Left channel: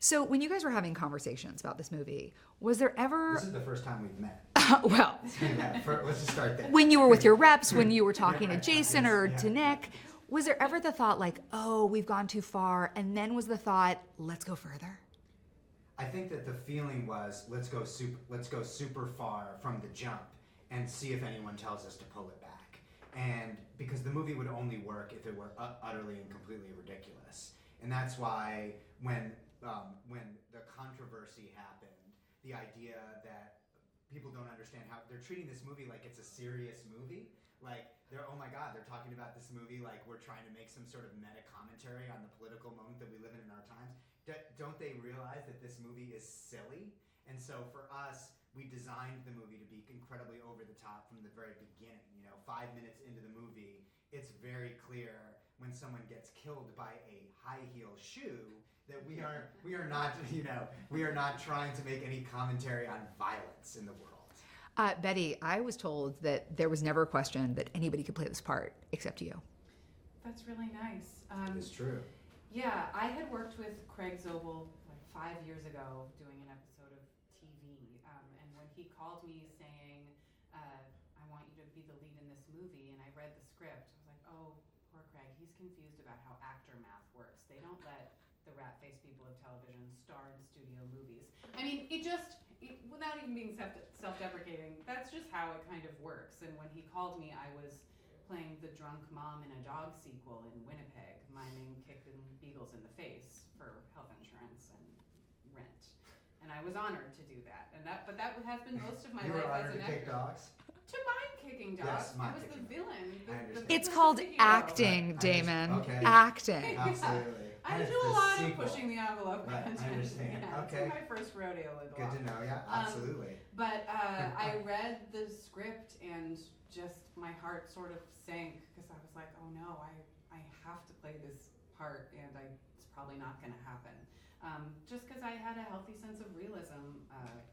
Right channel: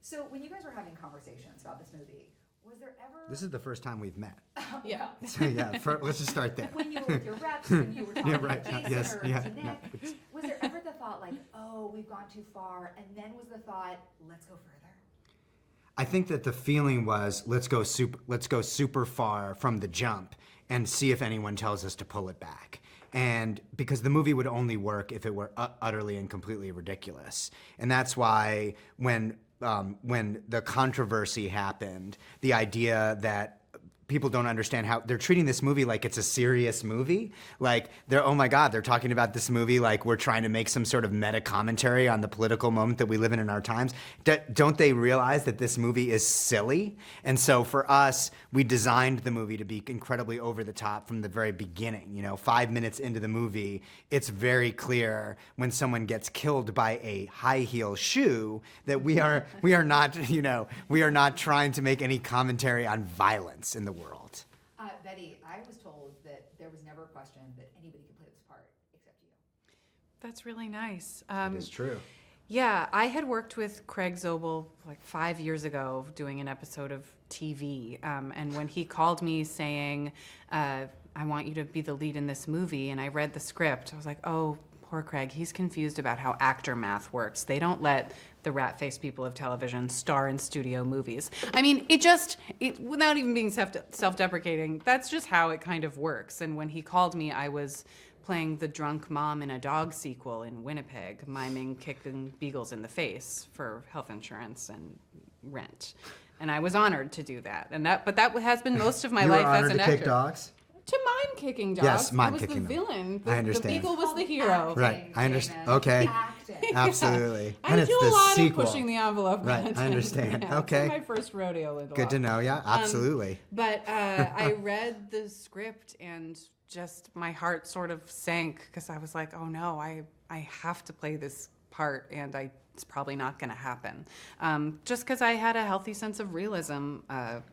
So when you guys were having conversations about this movie, was there ever... This is the first time we've met. Well... Let's just start there. When you were with your reps, when you were talking right. to Jason Yes, or yeah, to Nick, was there ever the thought like, oh, we've gone too far, and then was the thought, let's go further? I think that the feeling was, let's go super far from the jump and see if anyone tells us to pull it back. And because the movie would only work if it were utterly and completely ridiculous. And that's why when the controversy happened, the idea that people don't understand how they're treating this movie like it's a serious movie. Like, oh my God, they're talking about this movie like we're trying to make some sort of meta commentary on the political moment that we live in our times. Don't they realize that this movie is silly? And so for us, we designed the movie to be incredibly over the top from the very beginning. 5 minutes into the movie, it's very clear when someone gets killed by a high heel shoe that we are not trying to make any commentary on violence in the world. Betty, I was told that there was never a question that anybody could play this part except you. That's really nice. It is true. Yeah, I had worked with Craig Zobel like 5 years ago doing an episode of TV. And when he called me saying, I want you to be the lead in this movie, and I read the script, I was like, oh, poor Craig. He's confused about how actor math works. They don't let the rat-faced people of television star in studio movies. I mean, without even being self-deprecating, that's just how it kind of works. And when he called me, I was playing the drunk mom in a dog sequel in Winnipeg, miming kicking beagles in the face for health insurance and rent. And I was honored to do that. But that has been most of my life as an actor. You were honored to kick dogs? To mime kicking dogs. Yes, mime I was kicking the villain. I understand. The beagle It's was called the hero. acting, Right. Damon. Okay. Acting. Absolutely. I And it's do the a lot sequel. of pushing the envelope. Right, content. I understand. Yeah, Okay. It's my first rodeo with Good to know, yeah, absolutely. But I read the script and just my heart sort of sank because I was like, oh no, I have to play this part and it's probably not going to happen. Just because I had a healthy sense of realism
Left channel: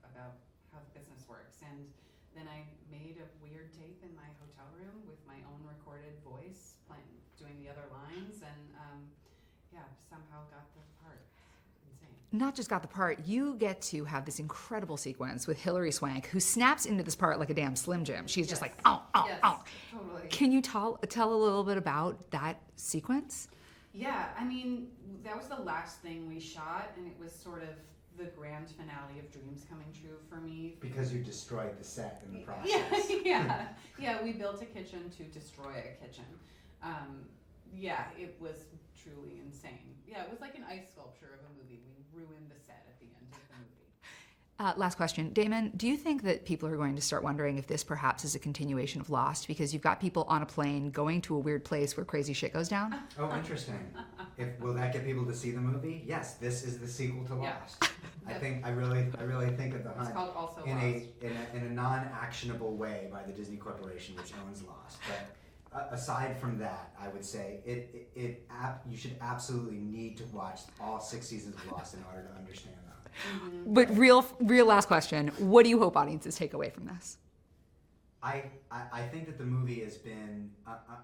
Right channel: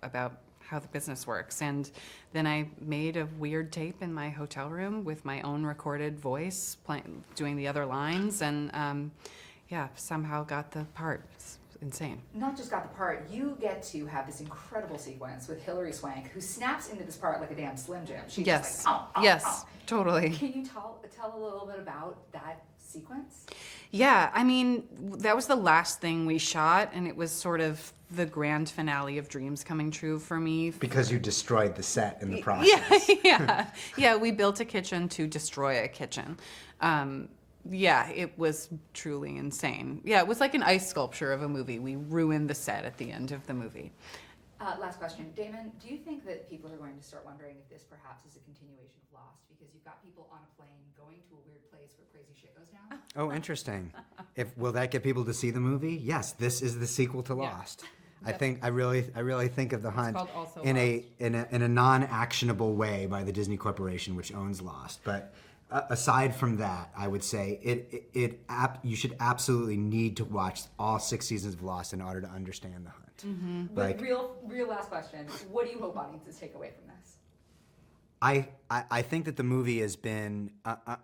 about how the business works. And then I made a weird tape in my hotel room with my own recorded voice doing the other lines and somehow got the part. It's insane. Not just got the part, you get to have this incredible sequence with Hilary Swank, who snaps into this part like a damn Slim Jim. She's just like, oh, oh, yes, oh. Totally. Can you tell a little bit about that sequence? Yeah, I mean, that was the last thing we shot, and it was sort of the grand finale of dreams coming true for me. Because you destroyed the set in the process. Yeah, we built a kitchen to destroy a kitchen. It was truly insane. Yeah, it was like an ice sculpture of a movie. We ruined the set at the end of the movie. Last question. Damon, do you think that people are going to start wondering if this perhaps is a continuation of Lost? Because you've got people on a plane going to a weird place where crazy shit goes down. Oh, interesting. Will that get people to see the movie? Yes, this is the sequel to Lost. I really think of The Hunt in a non-actionable way by the Disney Corporation, which owns Lost. But aside from that, I would say you should absolutely need to watch all 6 seasons of Lost in order to understand The Hunt. Mm-hmm. But right? real last question. What do you hope audiences take away from this? I think that the movie has been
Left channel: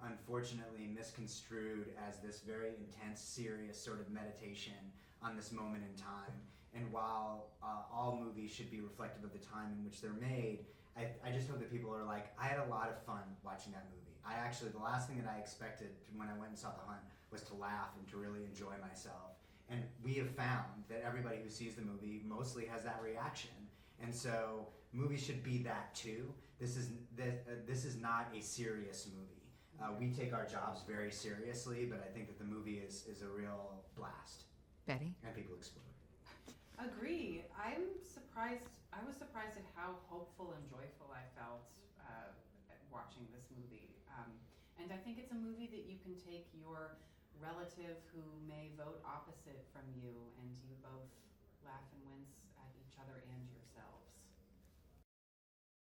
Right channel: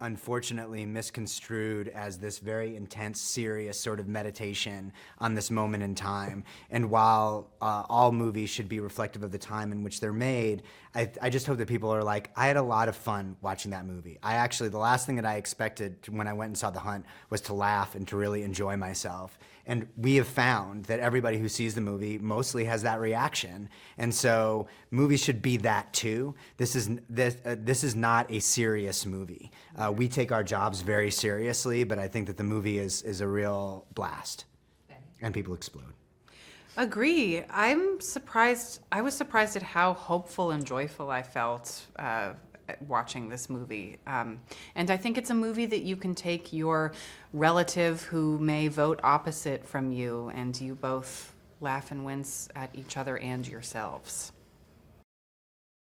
unfortunately misconstrued as this very intense, serious sort of meditation on this moment in time. And while all movies should be reflective of the time in which they're made, I just hope that people are like, I had a lot of fun watching that movie. The last thing that I expected when I went and saw The Hunt was to laugh and to really enjoy myself. And we have found that everybody who sees the movie mostly has that reaction. And so movies should be that too. This is not a serious movie. We take our jobs very seriously, but I think that the movie is a real blast. Betty? And people explode. Agree. I was surprised at how hopeful and joyful I felt watching this movie. And I think it's a movie that you can take your relative who may vote opposite from you and you both laugh and wince at each other and yourselves.